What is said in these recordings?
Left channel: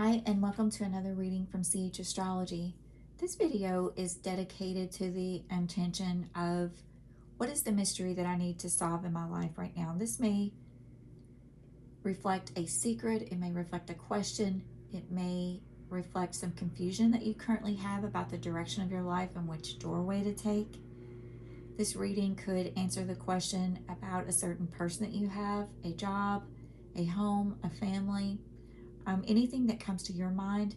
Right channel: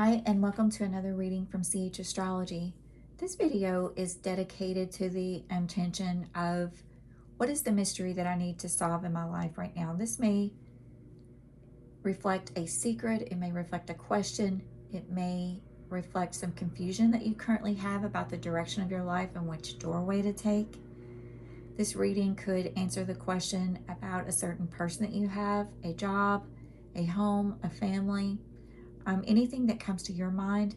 Hi, and welcome to another reading from Astrology. This video is dedicated to the intention of what is the mystery that I need to solve in my life right now. This may reflect a secret, it may reflect a question, it may reflect some confusion that you currently have about the direction of your life and which doorway to take. This reading could answer the question about a certain person that you have, a job, a home, a family. Anything that comes to your mind,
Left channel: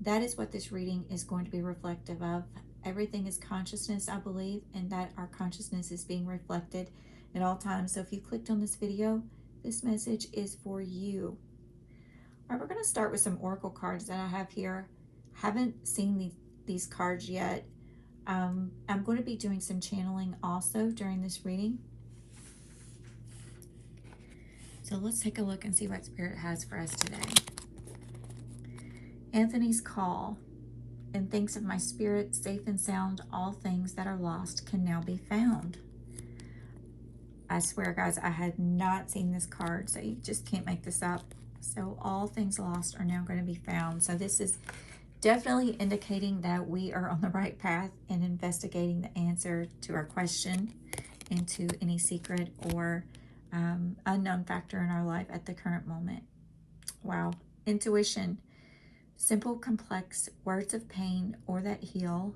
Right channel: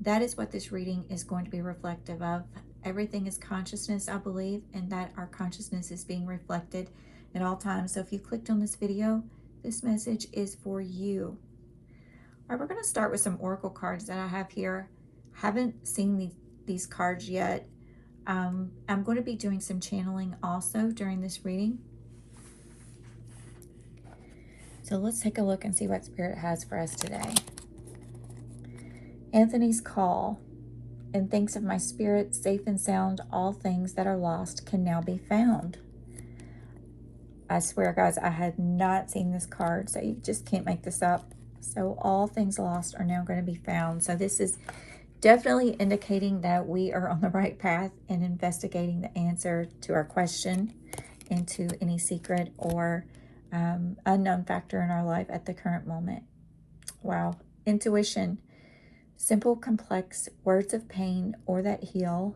that is what this reading is going to be reflective of. Everything is consciousness, I believe, and that our consciousness is being reflected in all times. So if you clicked on this video, this message is for you. All right, we're going to start with some oracle cards that I have here. Haven't seen these cards yet. I'm going to be doing some channeling also during this reading. So let's take a look and see what Spirit has for us today. Anthony's call. And thanks of my spirit, safe and sound, all things that are lost can now be found. I swear, guys, I had not seen this card, so you just can't make this up. So all things lost are now going to be found. So this is definitely indicating that we are on the right path in investigating the answer to our question and to any secret or unknown factor in our life at the current moment. Wow. Intuition. Simple, complex words of pain or that heal.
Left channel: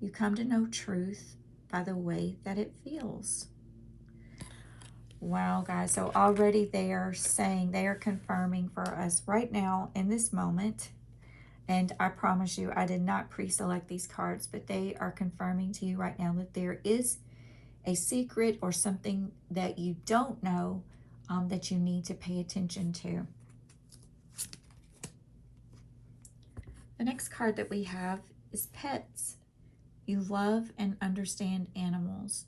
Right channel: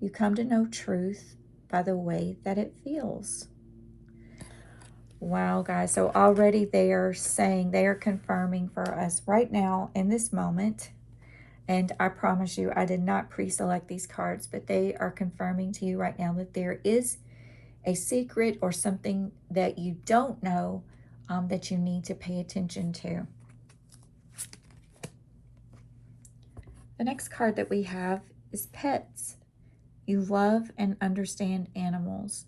You come to know truth by the way that it feels. Wow, guys. So already they are saying, they are confirming for us right now in this moment. And I promise you, I did not pre-select these cards, but they are confirming to you right now that there is a secret or something that you don't know that you need to pay attention to. The next card that we have is pets. You love and understand animals.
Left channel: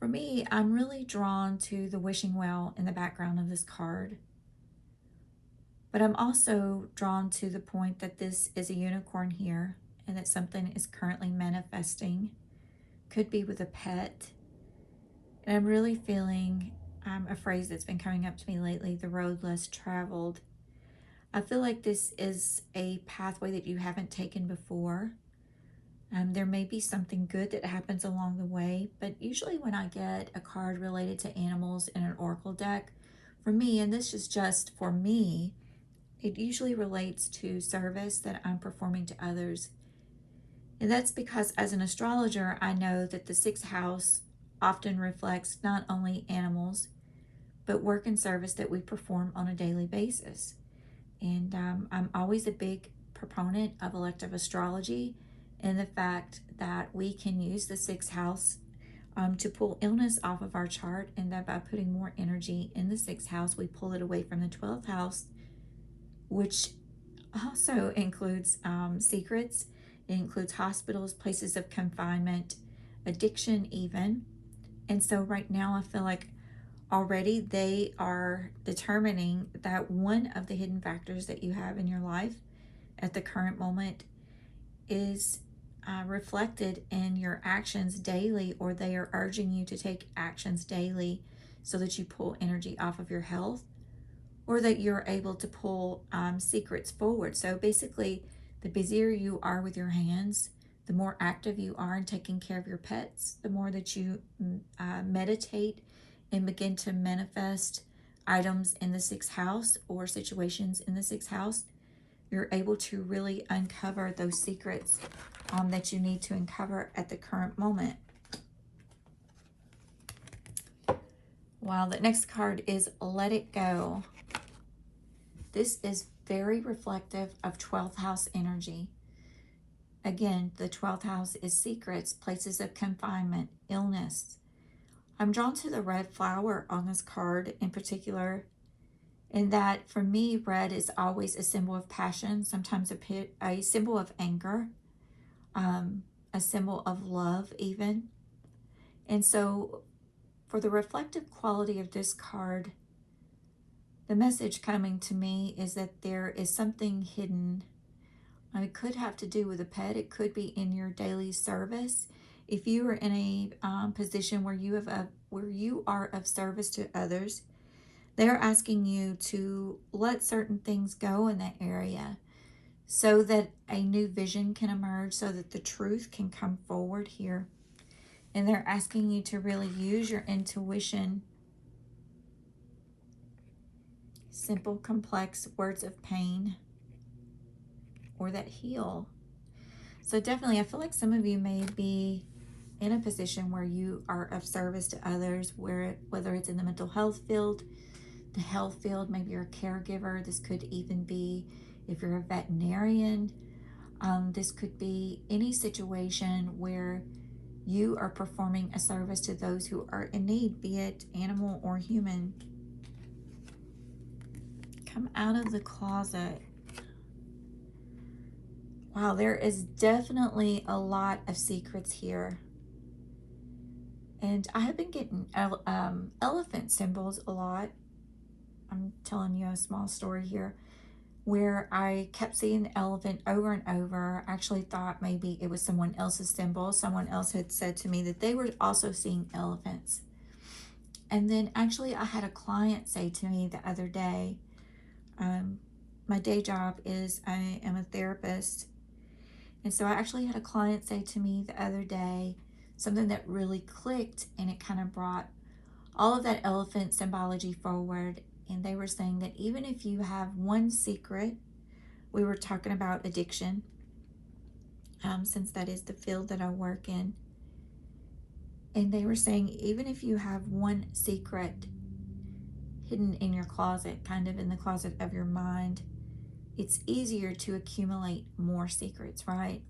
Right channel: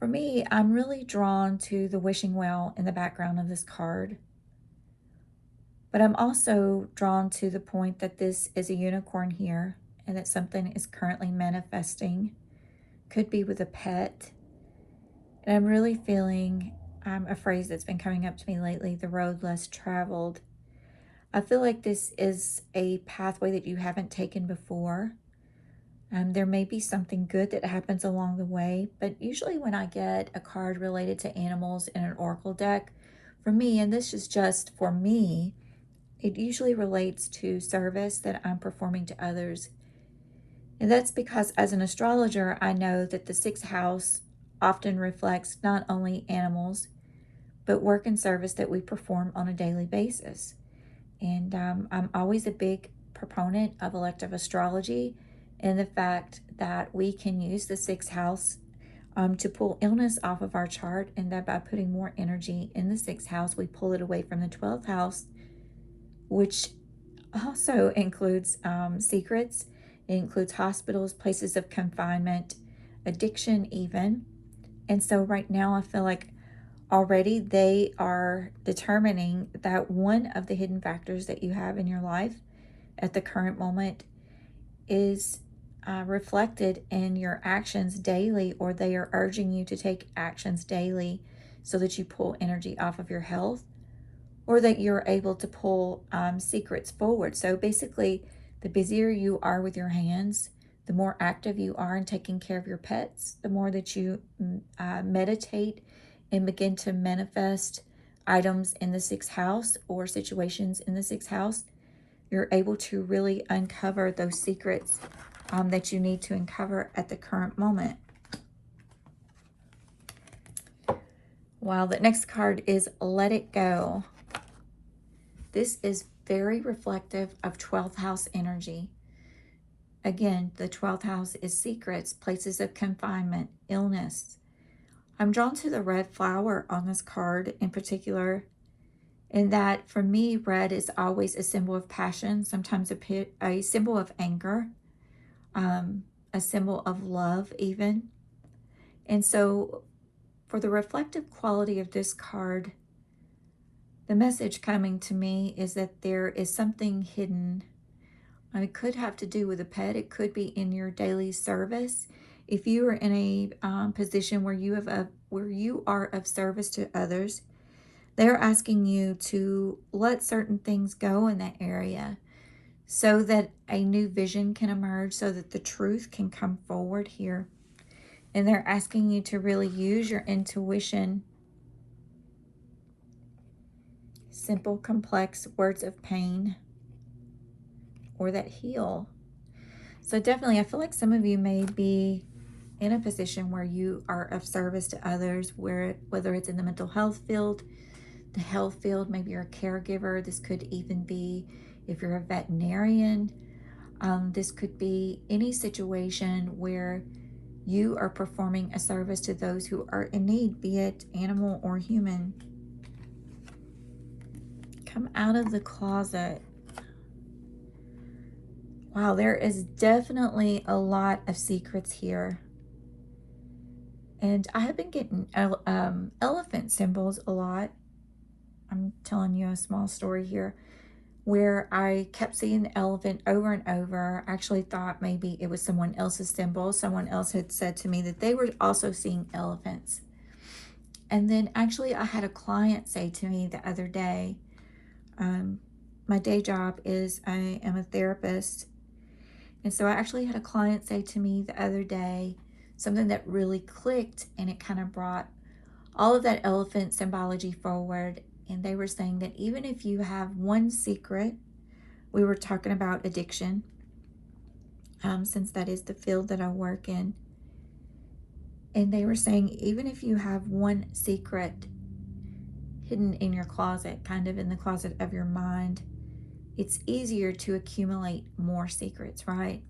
For me, I'm really drawn to the wishing well in the background of this card. But I'm also drawn to the point that this is a unicorn here and that something is currently manifesting. Could be with a pet. And I'm really feeling a phrase that's been coming up to me lately, the road less traveled. I feel like this is a pathway that you haven't taken before. There may be something good that happens along the way, but usually when I get a card related to animals in an oracle deck, for me, and this is just for me, it usually relates to service that I'm performing to others. And that's because as an astrologer, I know that the 6th house often reflects not only animals, but work and service that we perform on a daily basis. And I'm always a big proponent of elective astrology and the fact that we can use the 6th house to pull illness off of our chart, and that by putting more energy in the 6th house, we pull it away from the 12th house, which also includes secrets. It includes hospitals, places of confinement, addiction even. And so right now I feel like already they are determining that one of the hidden factors that you have in your life at the current moment is reflected in your actions daily, or they are urging you to take actions daily so that you pull energy off of your health, or that you're able to pull secrets forward. So basically, the busier you are with your hands, the more active you are in taking care of your pets, the more that you meditate and begin to manifest items in the 6th house or situations in the 6th house, you're able to really uncover those secrets that you need to uncover at the current moment. Wow, the next card is Let It Go. This is very reflective of 12th house energy. Again, the 12th house is secrets, places of confinement, illness. I'm drawn to the red flower on this card in particular, in that for me, red is always a symbol of passion, sometimes a symbol of anger, a symbol of love even. And so for the reflective quality of this card, the message coming to me is that there is something hidden. And it could have to do with a pet. It could be in your daily service. If you are in a position where you are of service to others, They're asking you to let certain things go in that area so that a new vision can emerge, so that the truth can come forward here. And they're asking you to really use your intuition. Simple, complex words of pain or that heal. So definitely, I feel like some of you may be in a position where you are of service to others, whether it's in the mental health field, the health field, maybe you're a caregiver. This could even be if you're a veterinarian. This could be any situation where you are performing a service to those who are in need, be it animal or human. Come out of the closet. Wow, there is definitely a lot of secrets here. And I have been getting elephant symbols a lot. I'm telling you a small story here where I kept seeing the elephant over and over. I actually thought maybe it was someone else's symbol. Someone else had said to me that they were also seeing elephants. And then actually I had a client say to me the other day, my day job is I am a therapist. And so I actually had a client say to me the other day something that really clicked, and it kind of brought all of that elephant symbology forward. And they were saying that even if you have one secret, we were talking about addiction, since that is the field that I work in. And they were saying, even if you have one secret hidden in your closet, kind of in the closet of your mind, it's easier to accumulate more secrets, right?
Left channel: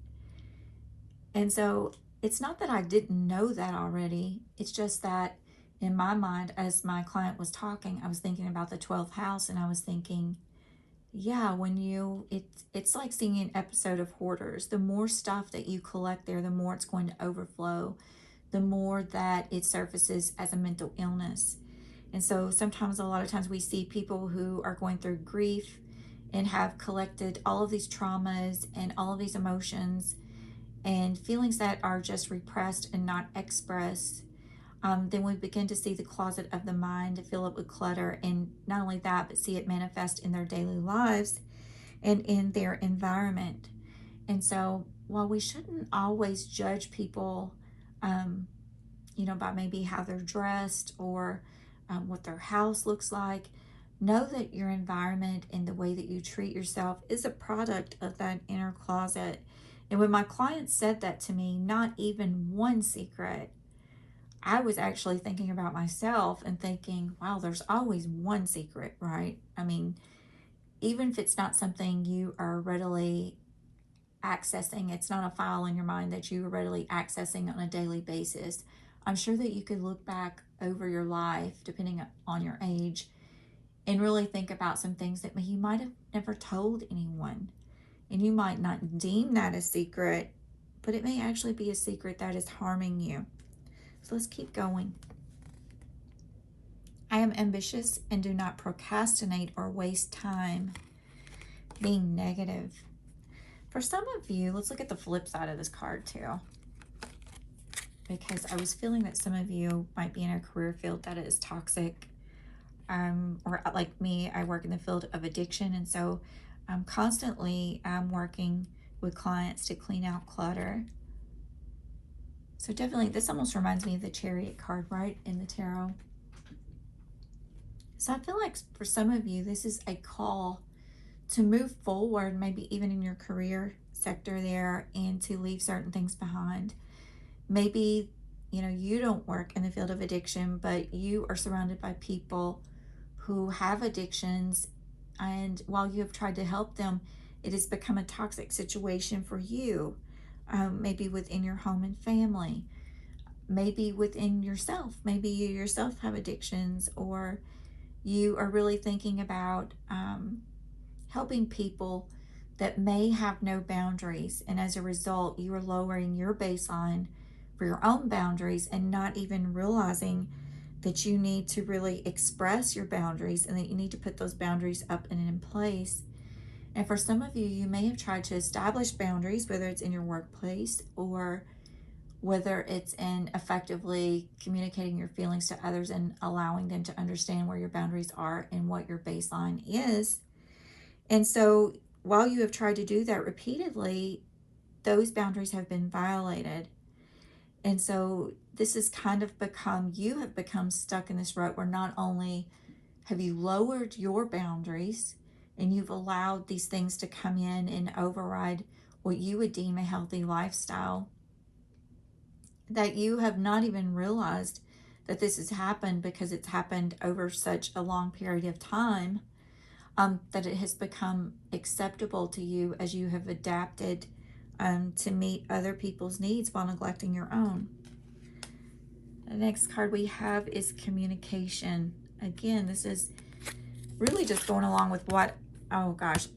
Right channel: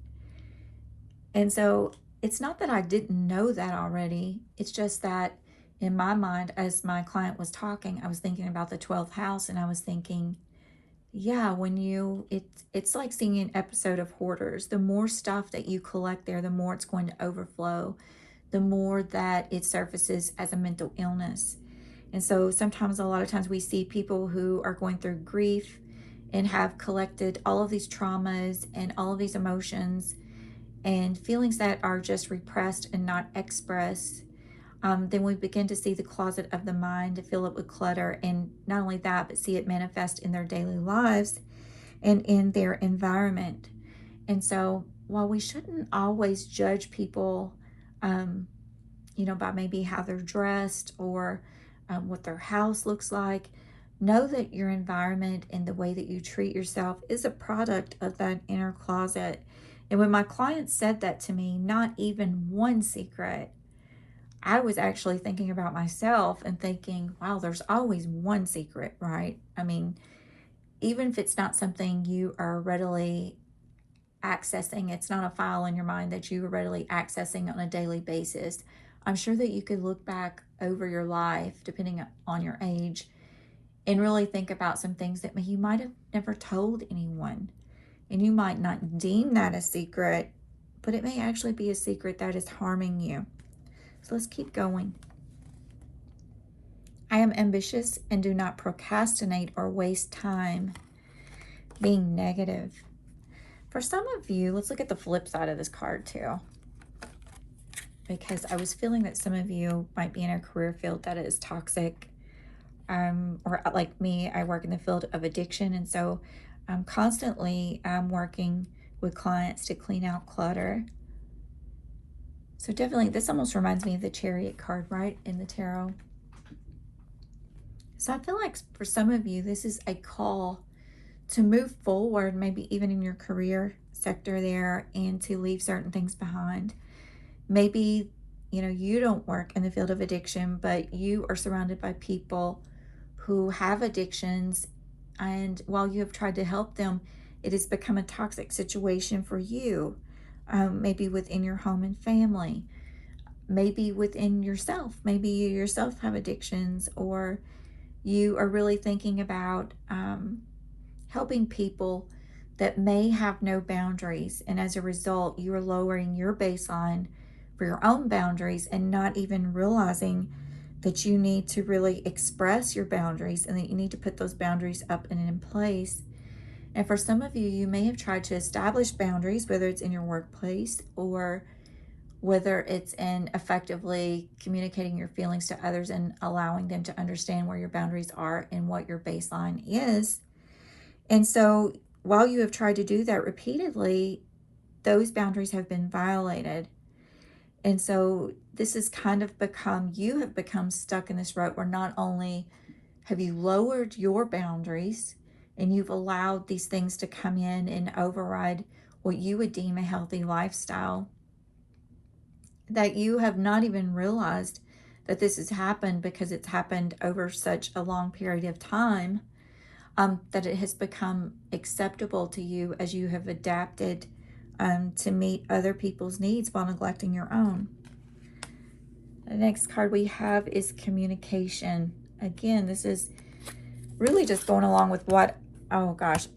And so it's not that I didn't know that already. It's just that in my mind, as my client was talking, I was thinking about the 12th house, and I was thinking, yeah, it's like seeing an episode of Hoarders. The more stuff that you collect there, the more it's going to overflow, the more that it surfaces as a mental illness. And so sometimes, a lot of times, we see people who are going through grief and have collected all of these traumas and all of these emotions and feelings that are just repressed and not expressed. Then we begin to see the closet of the mind fill up with clutter, and not only that, but see it manifest in their daily lives and in their environment. And so while we shouldn't always judge people, by maybe how they're dressed or what their house looks like, know that your environment and the way that you treat yourself is a product of that inner closet. And when my client said that to me, not even one secret, I was actually thinking about myself and thinking, wow, there's always one secret, right? I mean, even if it's not something you are readily accessing, it's not a file in your mind that you are readily accessing on a daily basis, I'm sure that you could look back over your life, depending on your age, and really think about some things that you might have never told anyone. And you might not deem that a secret, but it may actually be a secret that is harming you. So let's keep going. I am ambitious and do not procrastinate or waste time being negative. For some of you, let's look at the flip side of this card too, because I was feeling that some of you might be in a career field that is toxic, or like me, I work in the field of addiction, and so I'm constantly working with clients to clean out clutter. So definitely, this almost reminds me of the Chariot card, right, in the tarot. So I feel like for some of you, this is a call to move forward, maybe even in your career sector there, and to leave certain things behind. Maybe, you don't work in the field of addiction, but you are surrounded by people who have addictions, and while you have tried to help them, it has become a toxic situation for you. Maybe within your home and family, maybe within yourself. Maybe you yourself have addictions, or you are really thinking about helping people that may have no boundaries, and as a result, you are lowering your baseline for your own boundaries and not even realizing that you need to really express your boundaries and that you need to put those boundaries up and in place. And for some of you, you may have tried to establish boundaries, whether it's in your workplace or whether it's in effectively communicating your feelings to others and allowing them to understand where your boundaries are and what your baseline is. And so while you have tried to do that repeatedly, those boundaries have been violated. And so this has kind of become, you have become stuck in this rut where not only have you lowered your boundaries and you've allowed these things to come in and override what you would deem a healthy lifestyle, that you have not even realized that this has happened because it's happened over such a long period of time, that it has become acceptable to you as you have adapted to meet other people's needs while neglecting your own. The next card we have is communication. Again, this is really just going along with what, oh gosh,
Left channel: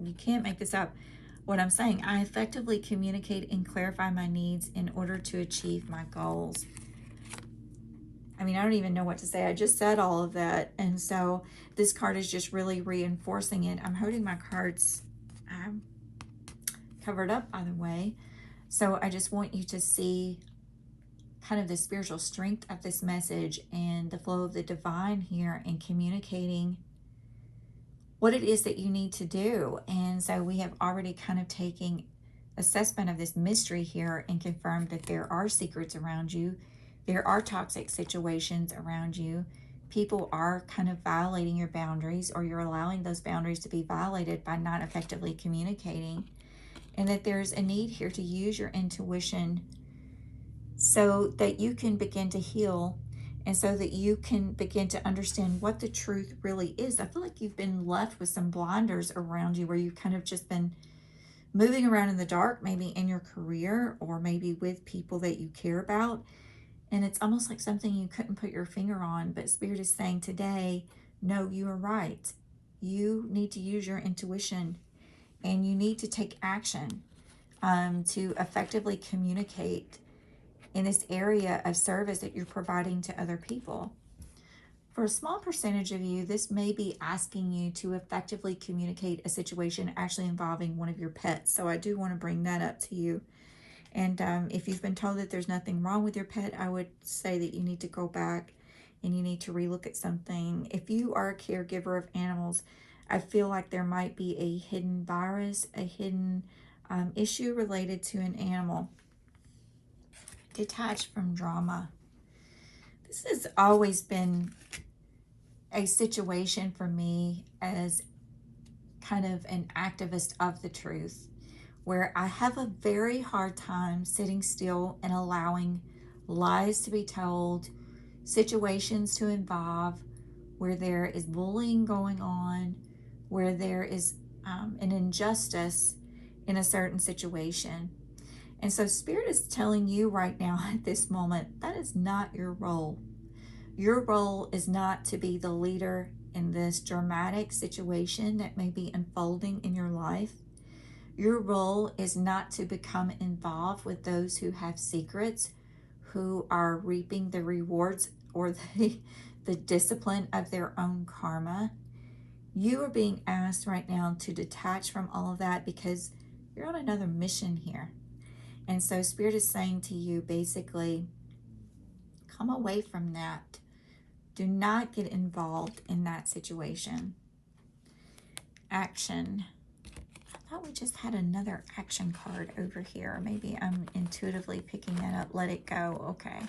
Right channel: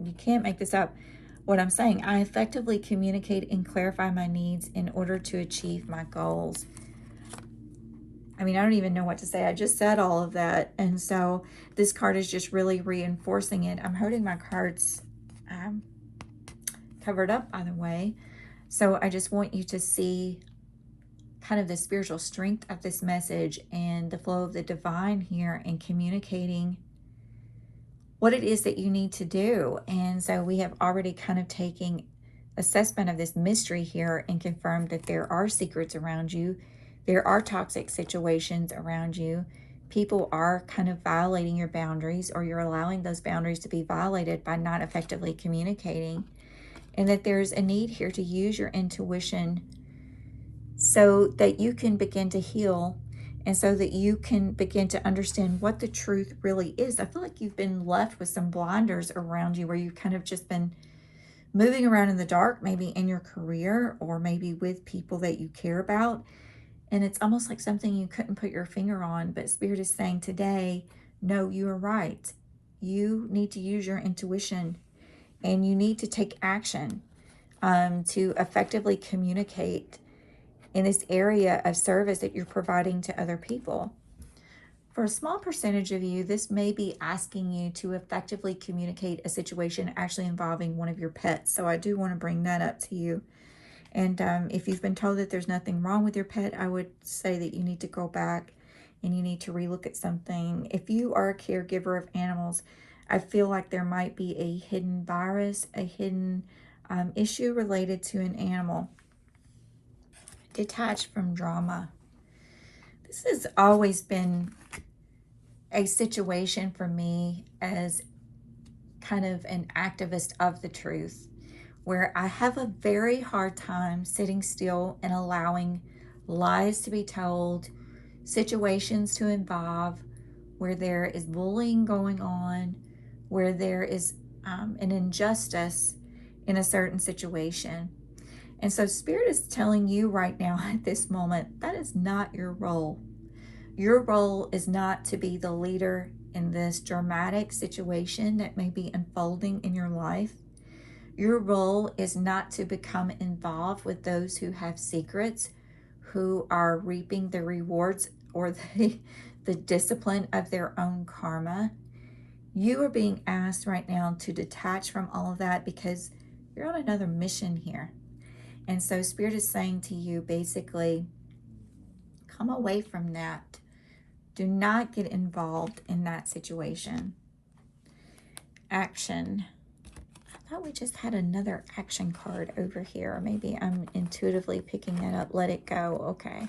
you can't make this up. What I'm saying, I effectively communicate and clarify my needs in order to achieve my goals. I mean, I don't even know what to say. I just said all of that. And so this card is just really reinforcing it. I'm holding my cards covered up, by the way. So I just want you to see kind of the spiritual strength of this message and the flow of the divine here in communicating what it is that you need to do. And so we have already kind of taken assessment of this mystery here and confirmed that there are secrets around you. There are toxic situations around you. People are kind of violating your boundaries, or you're allowing those boundaries to be violated by not effectively communicating. And that there's a need here to use your intuition so that you can begin to heal and so that you can begin to understand what the truth really is. I feel like you've been left with some blinders around you where you've kind of just been moving around in the dark, maybe in your career or maybe with people that you care about. And it's almost like something you couldn't put your finger on, but Spirit is saying today, no, you are right. You need to use your intuition and you need to take action to effectively communicate in this area of service that you're providing to other people. For a small percentage of you, this may be asking you to effectively communicate a situation actually involving one of your pets. So I do want to bring that up to you. And if you've been told that there's nothing wrong with your pet, I would say that you need to go back and you need to relook at something. If you are a caregiver of animals, I feel like there might be a hidden virus, a hidden issue related to an animal. Detached from drama. This has always been a situation for me as kind of an activist of the truth, where I have a very hard time sitting still and allowing lies to be told, situations to involve where there is bullying going on, where there is an injustice in a certain situation. And so Spirit is telling you right now at this moment, that is not your role. Your role is not to be the leader in this dramatic situation that may be unfolding in your life. Your role is not to become involved with those who have secrets, who are reaping the rewards or the discipline of their own karma. You are being asked right now to detach from all of that because you're on another mission here. And so Spirit is saying to you, basically, come away from that. Do not get involved in that situation. Action. I thought we just had another action card over here. Maybe I'm intuitively picking that up. Let it go. Okay.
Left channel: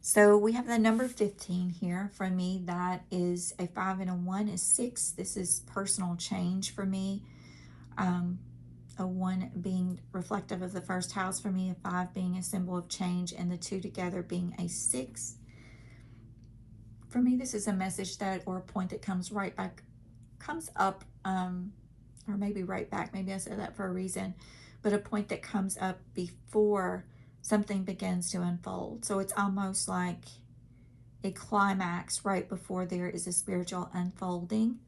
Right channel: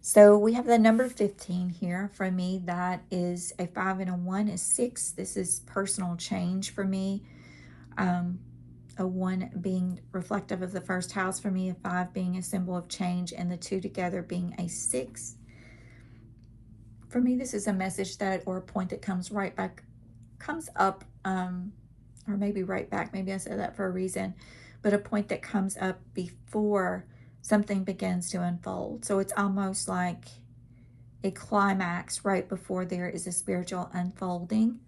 So we have the number 15 here. For me, that is a 5 and a 1 is 6. This is personal change for me. A 1 being reflective of the first house for me, a 5 being a symbol of change, and the 2 together being a 6. For me, this is a message that, or a point that comes right back, comes up, or maybe right back, maybe I said that for a reason, but a point that comes up before something begins to unfold. So it's almost like a climax right before there is a spiritual unfolding.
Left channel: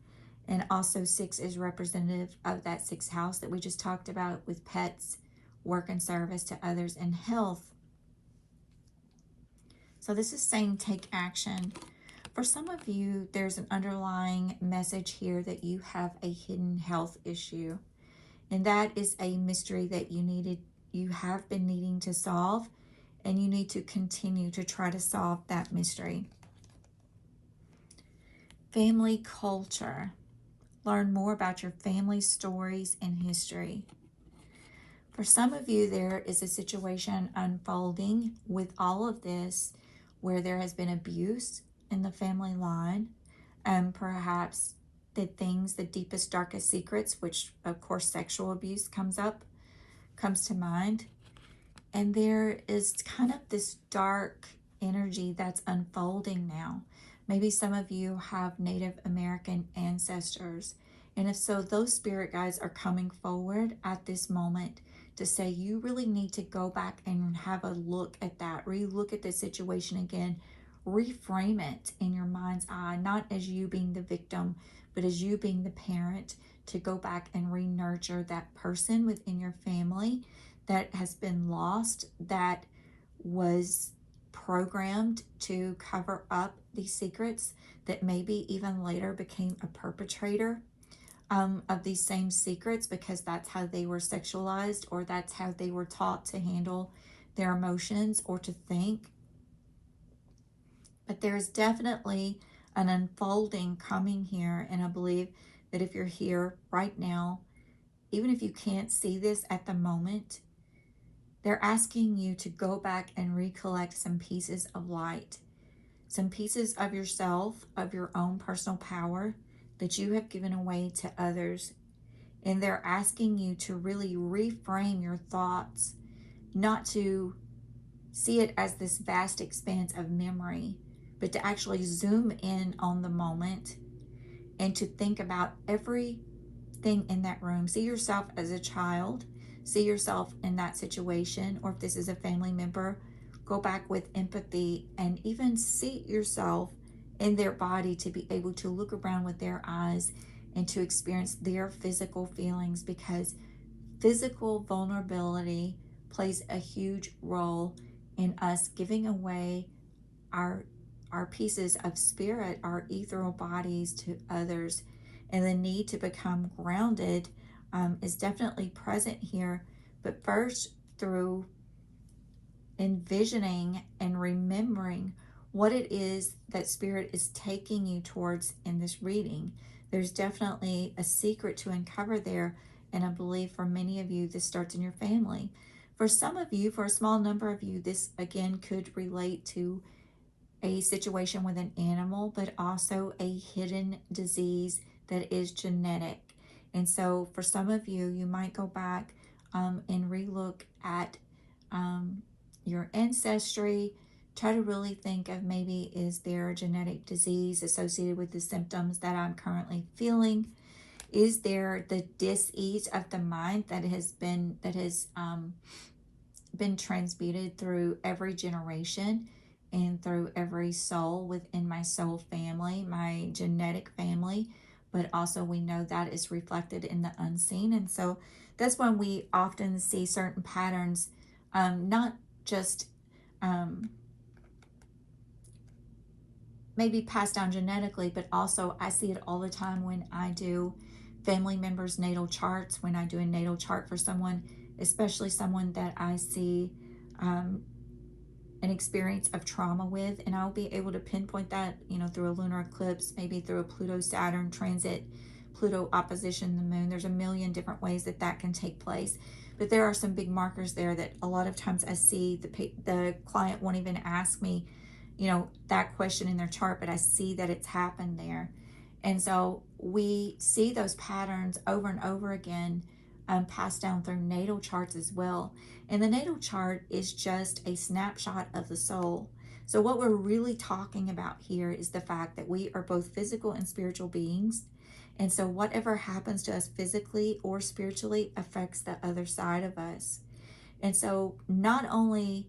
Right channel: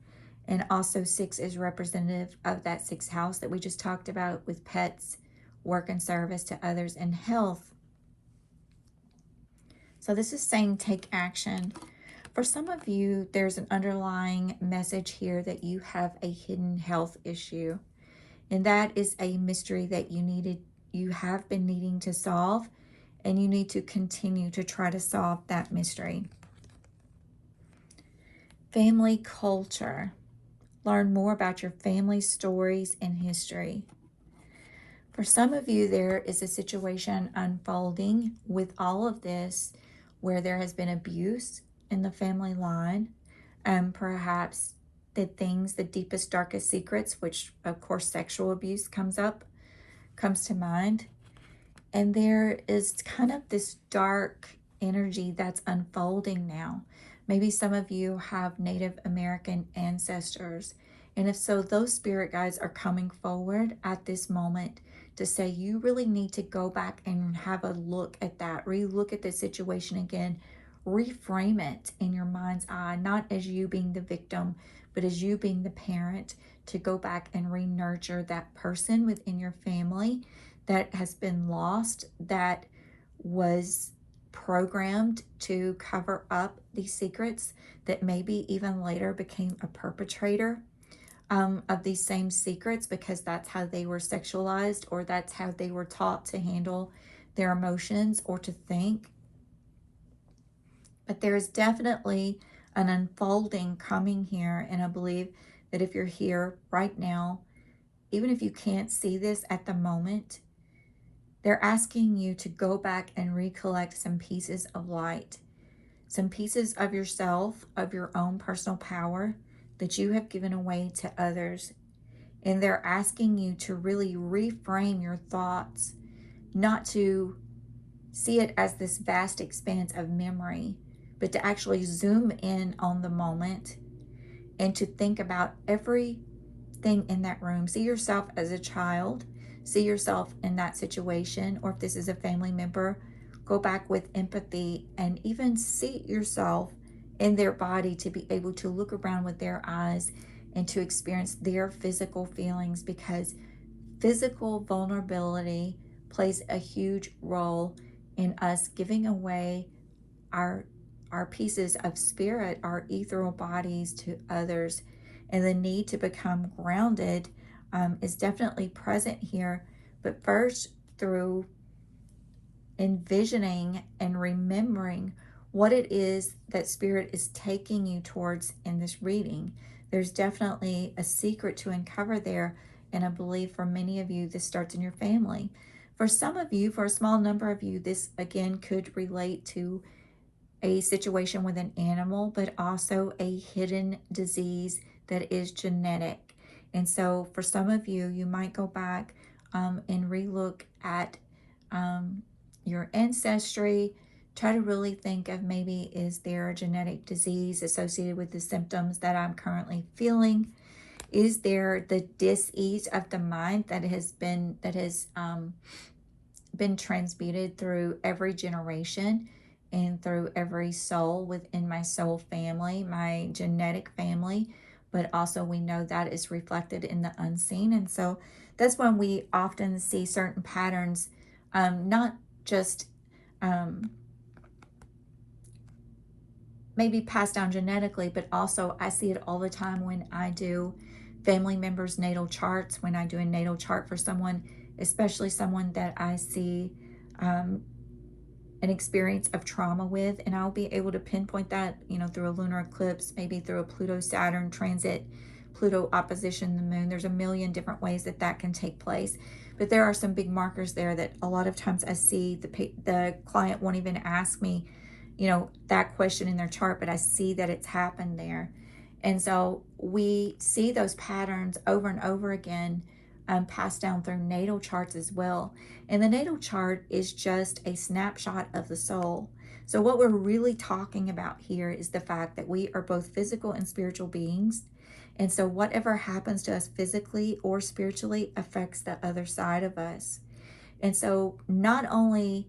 And also 6 is representative of that 6th house that we just talked about with pets, work and service to others, and health. So this is saying take action. For some of you, there's an underlying message here that you have a hidden health issue. And that is a mystery that you needed you have been needing to solve, and you need to continue to try to solve that mystery. Family culture. Learn more about your family stories and history. For some of you, there is a situation unfolding with all of this where there has been abuse in the family line, and perhaps the deepest, darkest secrets, which of course sexual abuse comes to mind. And there is kind of this dark energy that's unfolding now. Maybe some of you have Native American ancestors. And if so, those spirit guides are coming forward at this moment to say you really need to go back and have a look at that, re-look at the situation again, reframe it in your mind's eye, not as you being the victim, but as you being the parent, to go back and re-nurture that person within your family that has been lost, that was programmed to cover up these secrets, that maybe even later became a perpetrator of these same secrets because that's how they were sexualized, or that's how they were taught to handle their emotions or to think. But there's definitely an unfolding coming here, and I believe that if you're here right now, even if you can't see this at the moment, they're asking you to go back and recollect some pieces of light, some pieces of yourself, of your own personal power that you have given away to others. And they're asking you to really reframe your thoughts, not to see it as this vast expanse of memory, but to actually zoom in on the moment and to think about everything in that room. See yourself as a child. See yourself in that situation, or if this is a family member, go back with empathy and even see yourself in their body, to be able to look around with their eyes and to experience their physical feelings, because physical vulnerability plays a huge role in us giving away our pieces of spirit, our ethereal bodies, to others. And the need to become grounded is definitely present here, but first through envisioning and remembering what it is that spirit is taking you towards in this reading. There's definitely a secret to uncover there, and I believe for many of you this starts in your family. For some of you, for a small number of you, this again could relate to a situation with an animal, but also a hidden disease that is genetic. And so for some of you, you might go back and relook at your ancestry, try to really think of, maybe is there a genetic disease associated with the symptoms that I'm currently feeling? Is there the dis-ease of the mind that has been transmuted through every generation and through every soul within my soul family, my genetic family? But also we know that is reflected in the unseen. And so that's when we often see certain patterns, not just maybe passed down genetically, but also I see it all the time when I do family members' natal charts, when I do a natal chart for someone, especially someone that I see an experience of trauma with, and I'll be able to pinpoint that, through a lunar eclipse, maybe through a Pluto-Saturn transit, Pluto opposition the moon. There's a million different ways that can take place, but there are some big markers there that a lot of times I see the client won't even ask me, that question in their chart, but I see that it's happened there. And so we see those patterns over and over again, passed down through natal charts as well. And the natal chart is just a snapshot of the soul. So what we're really talking about here is the fact that we are both physical and spiritual beings. And so whatever happens to us physically or spiritually affects the other side of us. And so not only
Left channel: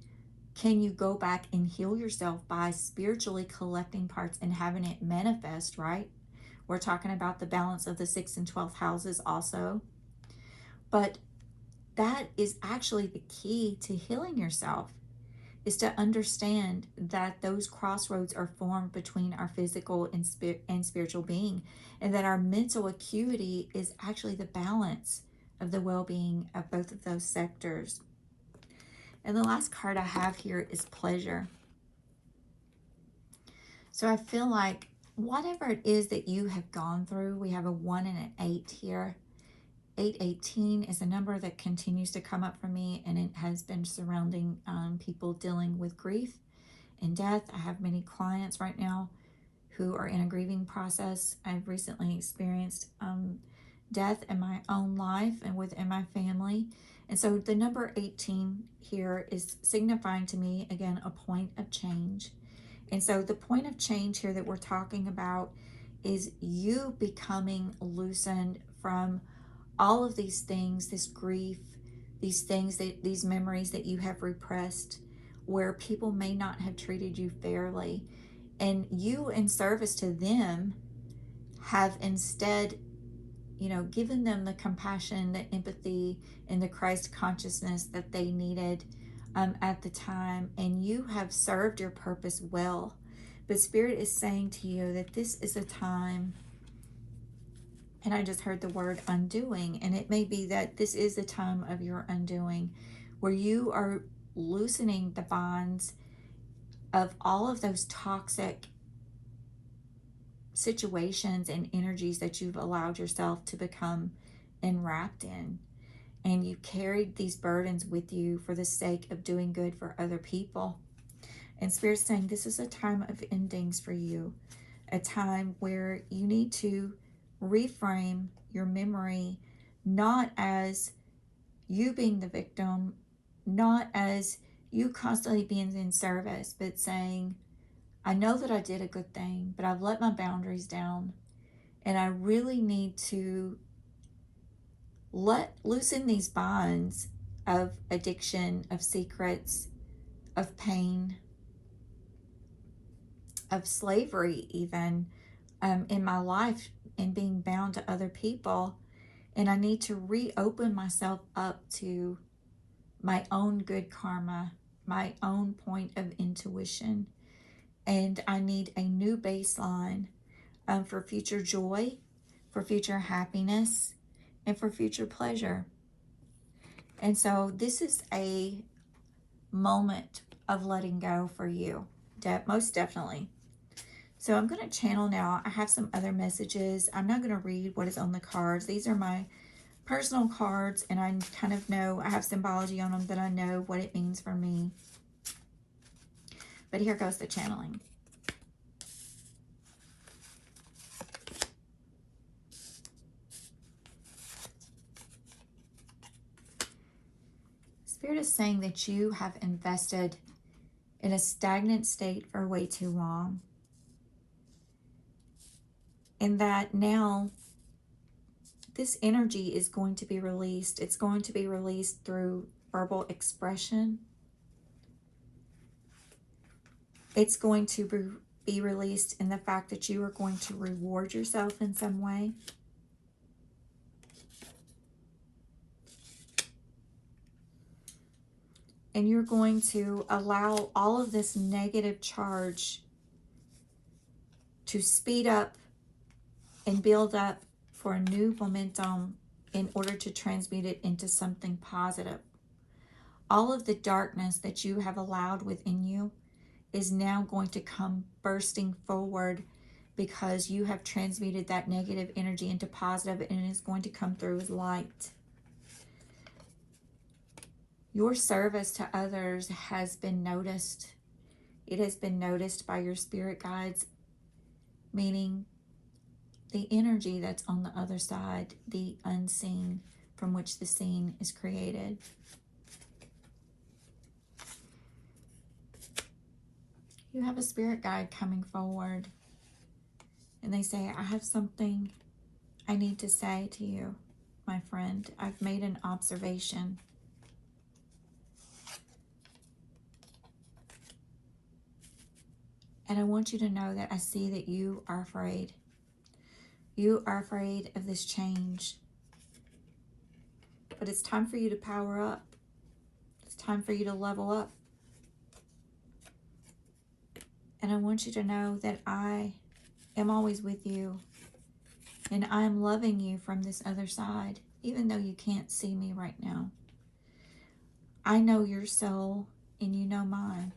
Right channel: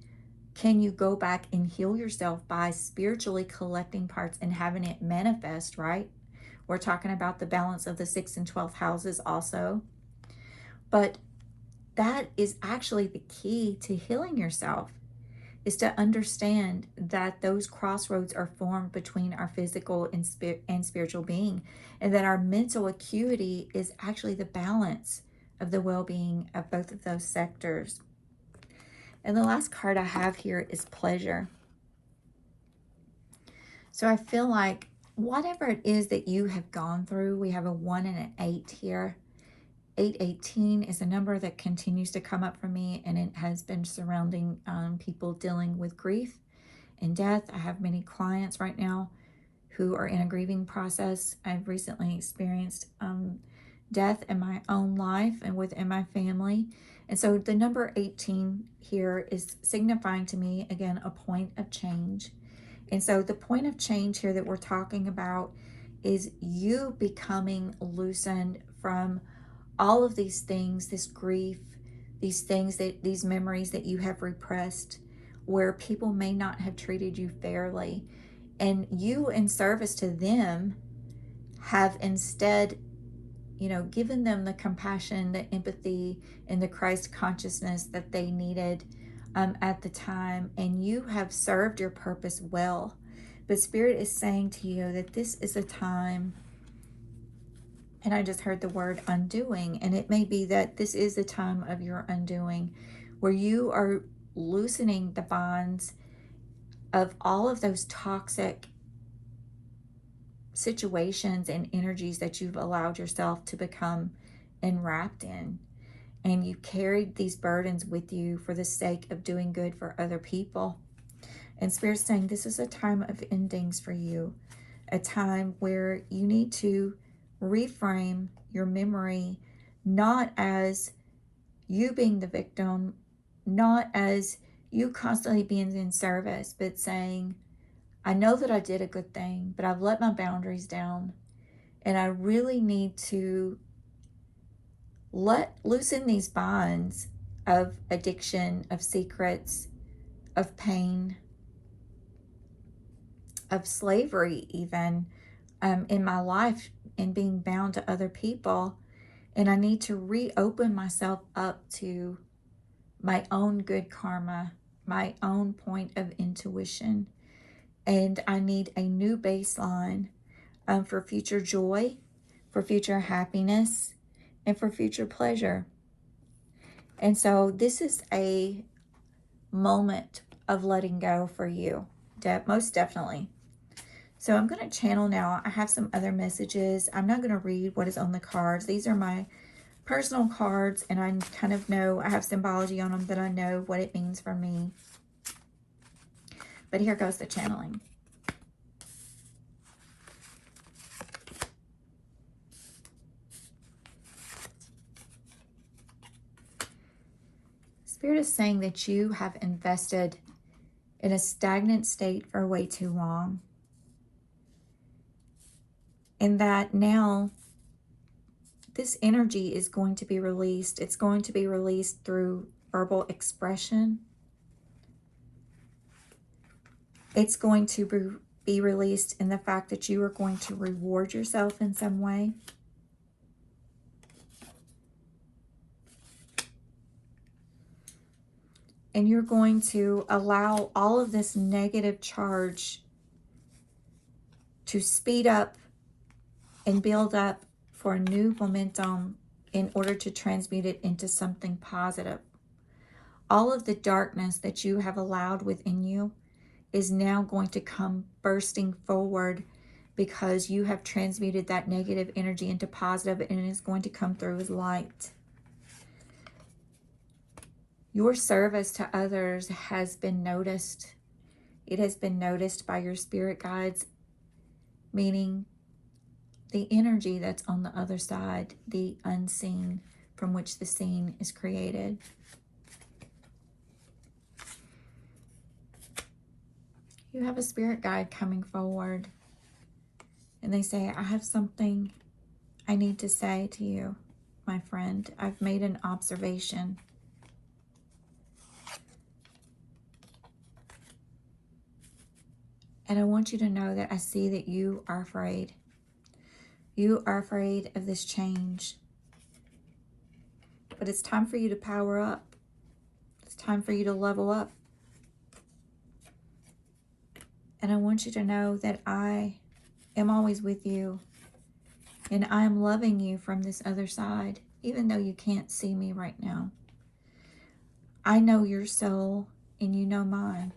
can you go back and heal yourself by spiritually collecting parts and having it manifest, right? We're talking about the balance of the 6th and 12th houses also. But that is actually the key to healing yourself, is to understand that those crossroads are formed between our physical and spiritual being, and that our mental acuity is actually the balance of the well-being of both of those sectors. And the last card I have here is pleasure. So I feel like whatever it is that you have gone through, we have a 1 and an 8 here. 818 is a number that continues to come up for me, and it has been surrounding people dealing with grief and death. I have many clients right now who are in a grieving process. I've recently experienced death in my own life and within my family. And so the number 18 here is signifying to me, again, a point of change. And so the point of change here that we're talking about is you becoming loosened from all of these things, this grief, these things these memories that you have repressed, where people may not have treated you fairly. And you, in service to them, have instead, given them the compassion, the empathy, and the Christ consciousness that they needed at the time. And you have served your purpose well. But Spirit is saying to you that this is a time, and I just heard the word undoing, and it may be that this is a time of your undoing, where you are loosening the bonds of all of those toxic situations and energies that you've allowed yourself to become enwrapped in. And you carried these burdens with you for the sake of doing good for other people. And Spirit's saying this is a time of endings for you, a time where you need to reframe your memory, not as you being the victim, not as you constantly being in service, but saying, I know that I did a good thing, but I've let my boundaries down, and I really need to loosen these bonds of addiction, of secrets, of pain, of slavery even in my life, and being bound to other people. And I need to reopen myself up to my own good karma, my own point of intuition. And I need a new baseline for future joy, for future happiness, and for future pleasure. And so this is a moment of letting go for you, most definitely. So I'm going to channel now. I have some other messages. I'm not going to read what is on the cards. These are my personal cards, and I kind of know, I have symbology on them, that I know what it means for me. But here goes the channeling. Spirit is saying that you have invested in a stagnant state for way too long. And that now this energy is going to be released. It's going to be released through verbal expression. It's going to be released in the fact that you are going to reward yourself in some way. And you're going to allow all of this negative charge to speed up and build up for a new momentum in order to transmute it into something positive. All of the darkness that you have allowed within you is now going to come bursting forward, because you have transmuted that negative energy into positive, and it is going to come through as light. Your service to others has been noticed. It has been noticed by your spirit guides, meaning the energy that's on the other side, the unseen, from which the seen is created. You have a spirit guide coming forward, and they say, I have something I need to say to you, my friend. I've made an observation. And I want you to know that I see that you are afraid. You are afraid of this change. But it's time for you to power up. It's time for you to level up. And I want you to know that I am always with you. And I am loving you from this other side, even though you can't see me right now. I know your soul and you know mine.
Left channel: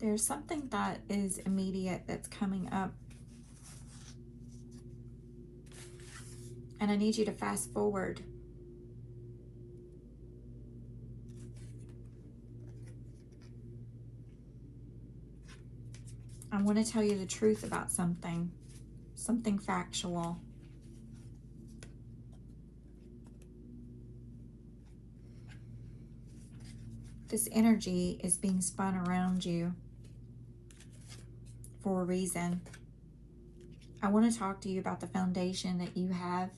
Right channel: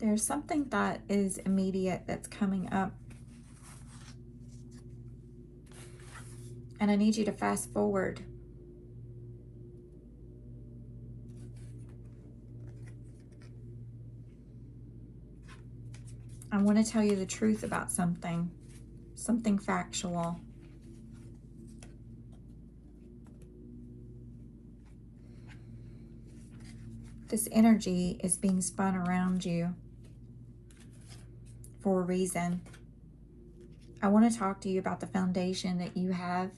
There's something that is immediate that's coming up. And I need you to fast forward. I want to tell you the truth about something factual. This energy is being spun around you for a reason. I want to talk to you about the foundation that you have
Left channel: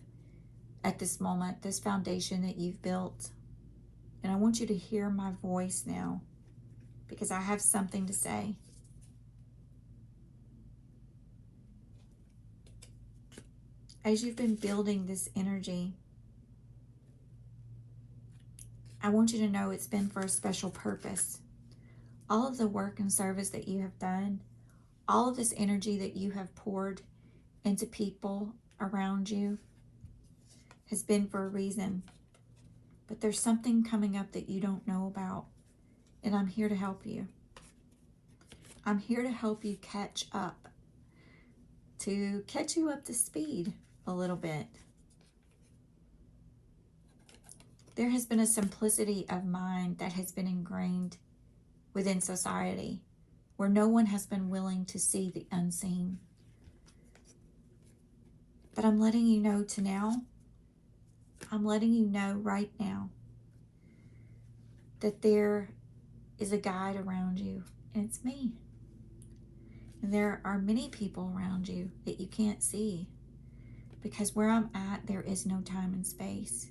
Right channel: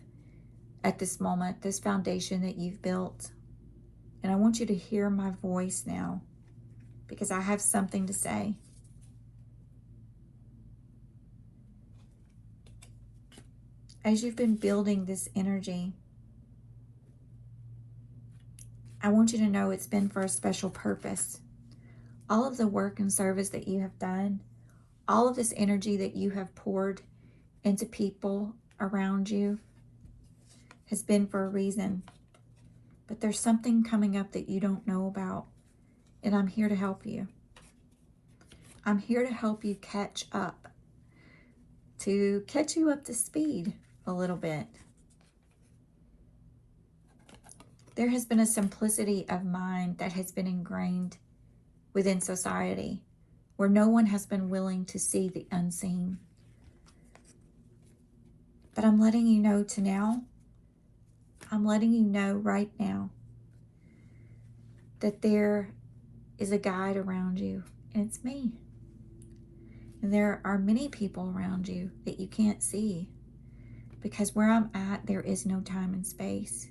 at this moment, this foundation that you've built. And I want you to hear my voice now, because I have something to say. As you've been building this energy, I want you to know it's been for a special purpose. All of the work and service that you have done, all of this energy that you have poured into people around you has been for a reason. But there's something coming up that you don't know about, and I'm here to help you. I'm here to help you catch up, to catch you up to speed a little bit. There has been a simplicity of mind that has been ingrained within society, where no one has been willing to see the unseen. But I'm letting you know I'm letting you know right now that there is a guide around you, and it's me. And there are many people around you that you can't see, because where I'm at, there is no time and space.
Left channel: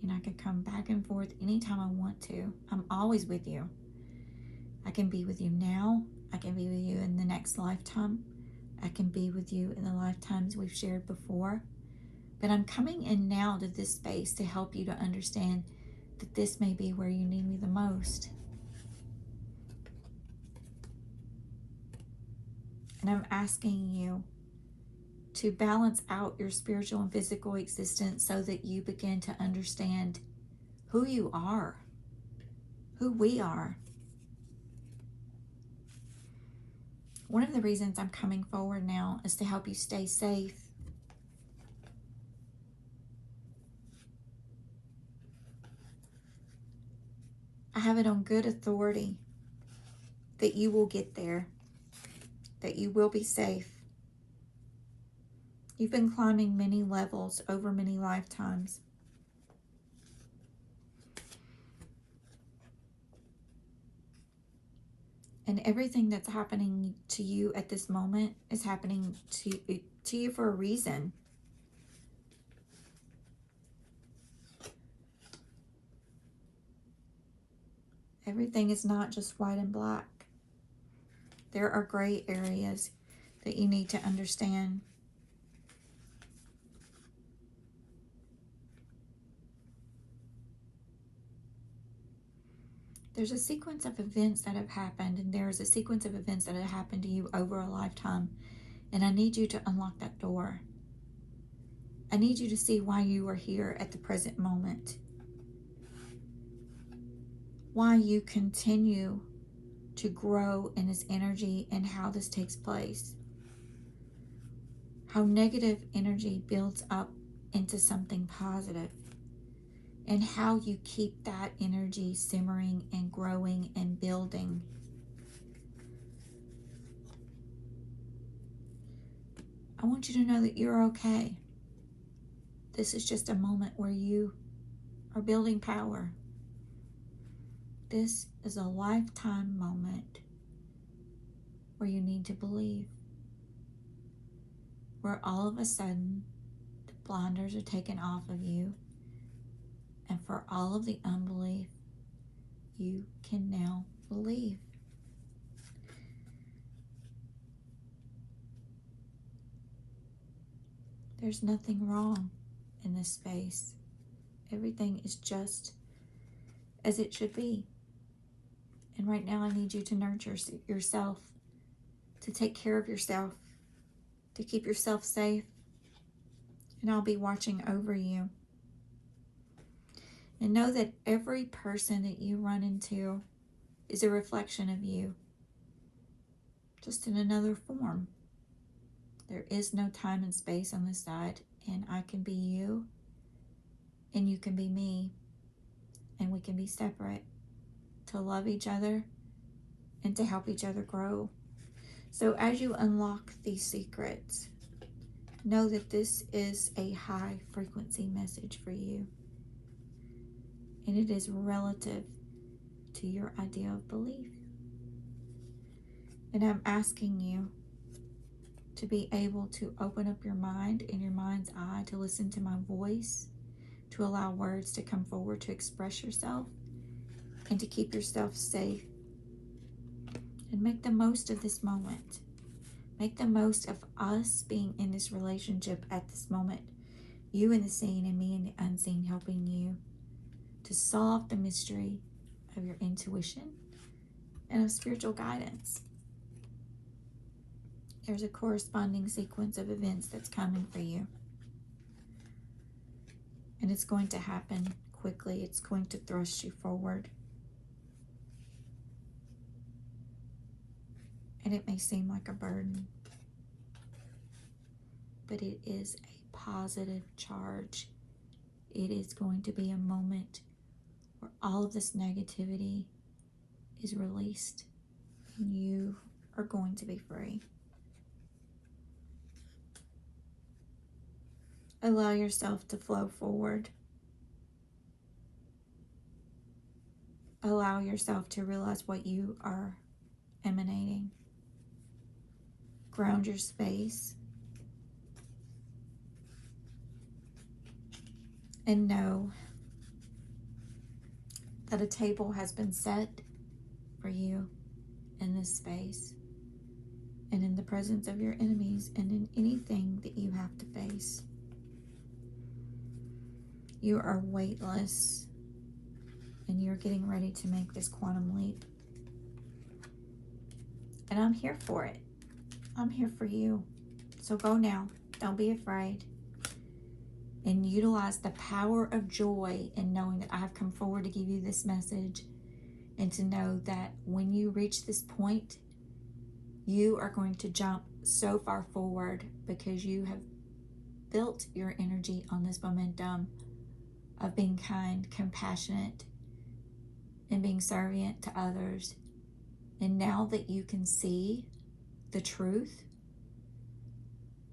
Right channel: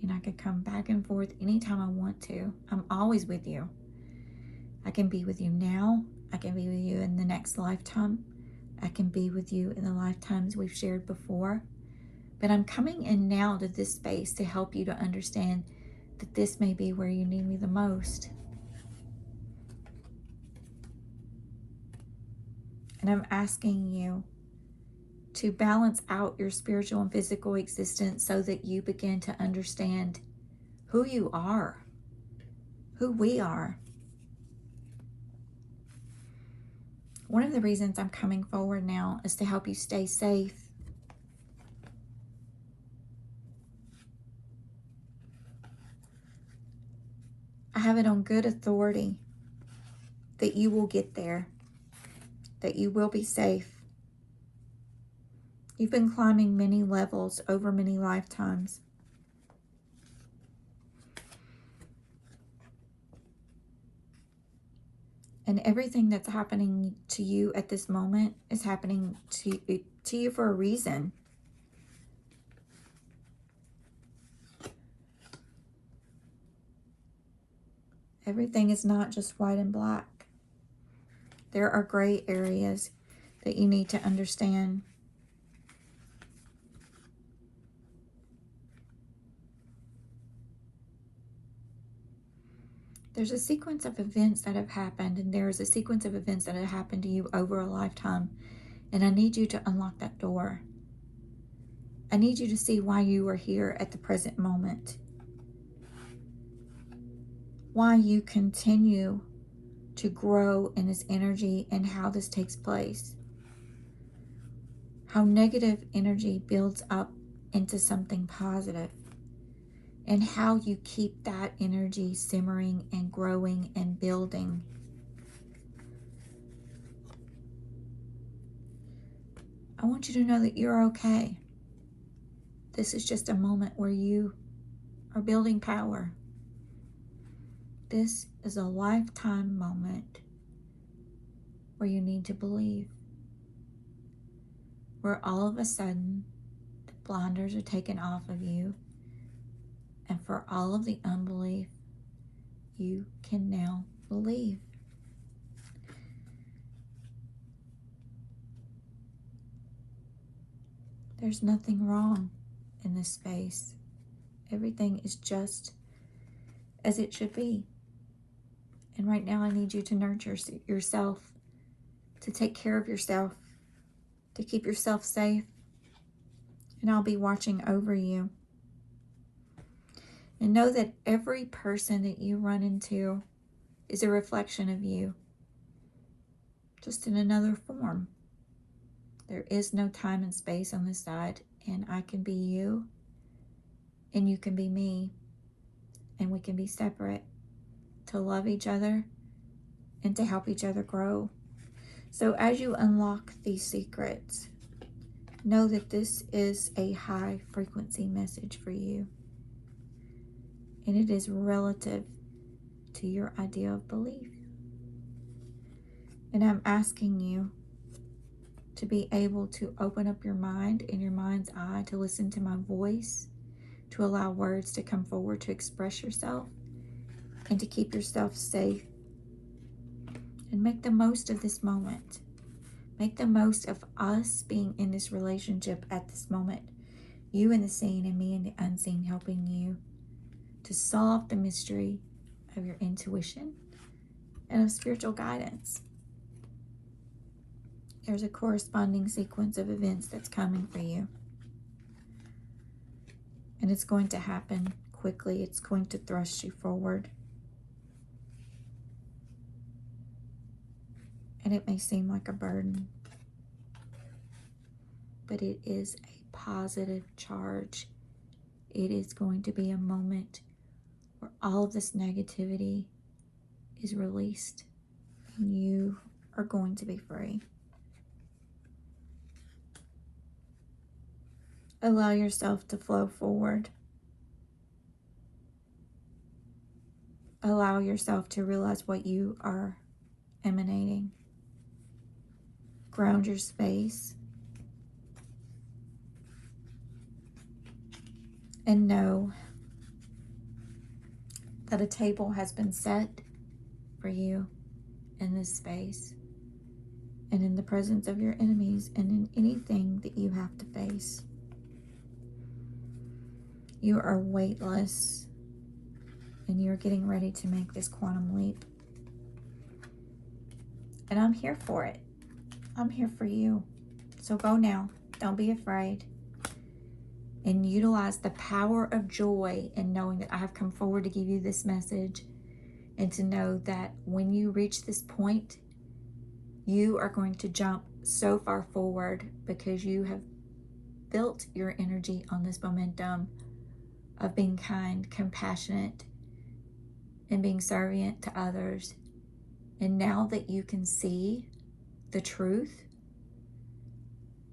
And I could come back and forth anytime I want to. I'm always with you. I can be with you now. I can be with you in the next lifetime. I can be with you in the lifetimes we've shared before. But I'm coming in now to this space to help you to understand that this may be where you need me the most. And I'm asking you to balance out your spiritual and physical existence so that you begin to understand who you are, who we are. One of the reasons I'm coming forward now is to help you stay safe. I have it on good authority that you will get there, that you will be safe. You've been climbing many levels over many lifetimes. And everything that's happening to you at this moment is happening to you for a reason. Everything is not just white and black. There are gray areas that you need to understand. There's a sequence of events that have happened, and there's a sequence of events that have happened to you over a lifetime. And I need you to unlock that door. I need you to see why you are here at the present moment. Why you continue to grow in this energy and how this takes place. How negative energy builds up into something positive. And how you keep that energy simmering and growing and building. I want you to know that you're okay. This is just a moment where you are building power. This is a lifetime moment where you need to believe. Where all of a sudden, the blinders are taken off of you. And for all of the unbelief, you can now believe. There's nothing wrong in this space. Everything is just as it should be. And right now I need you to nurture yourself, to take care of yourself, to keep yourself safe. And I'll be watching over you. And know that every person that you run into is a reflection of you, just in another form. There is no time and space on this side, and I can be you, and you can be me, and we can be separate to love each other and to help each other grow. So as you unlock these secrets, know that this is a high frequency message for you, and it is relative to your idea of belief. And I'm asking you to be able to open up your mind and your mind's eye to listen to my voice, to allow words to come forward to express yourself, and to keep yourself safe. And make the most of this moment. Make the most of us being in this relationship at this moment. You in the seen and me in the unseen, helping you to solve the mystery of your intuition and of spiritual guidance. There's a corresponding sequence of events that's coming for you. And it's going to happen quickly. It's going to thrust you forward. And it may seem like a burden, but it is a positive charge. It is going to be a moment where all of this negativity is released and you are going to be free. Allow yourself to flow forward. Allow yourself to realize what you are emanating. Ground your space. And know that a table has been set for you in this space and in the presence of your enemies and in anything that you have to face. You are weightless and you're getting ready to make this quantum leap. And I'm here for it. I'm here for you. So go now. Don't be afraid. And utilize the power of joy in knowing that I have come forward to give you this message, and to know that when you reach this point, you are going to jump so far forward because you have built your energy on this momentum of being kind, compassionate, and being servient to others. And now that you can see the truth,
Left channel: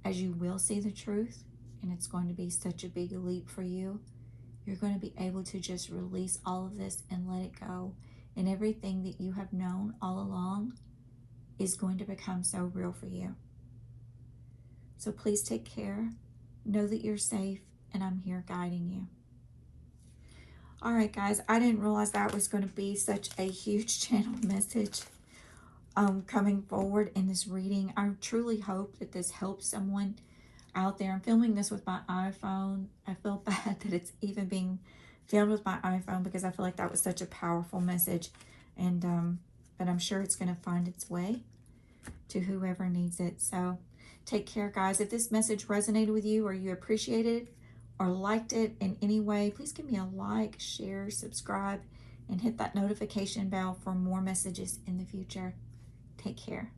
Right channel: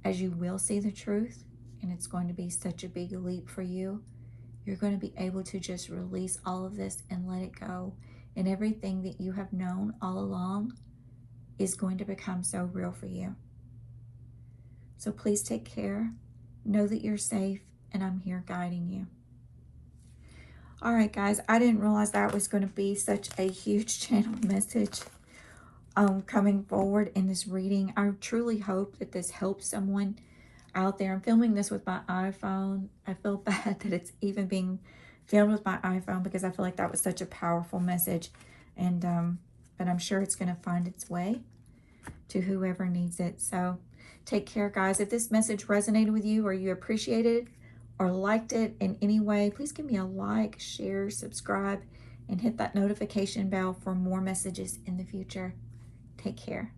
as you will see the truth, and it's going to be such a big leap for you, you're going to be able to just release all of this and let it go. And everything that you have known all along is going to become so real for you. So please take care. Know that you're safe, and I'm here guiding you. All right, guys, I didn't realize that was going to be such a huge channel message coming forward in this reading. I truly hope that this helps someone out there. I'm filming this with my iPhone. I feel bad that it's even being filmed with my iPhone because I feel like that was such a powerful message. And but I'm sure it's going to find its way to whoever needs it. So take care, guys. If this message resonated with you, or you appreciated it or liked it in any way, please give me a like, share, subscribe, and hit that notification bell for more messages in the future. Take care.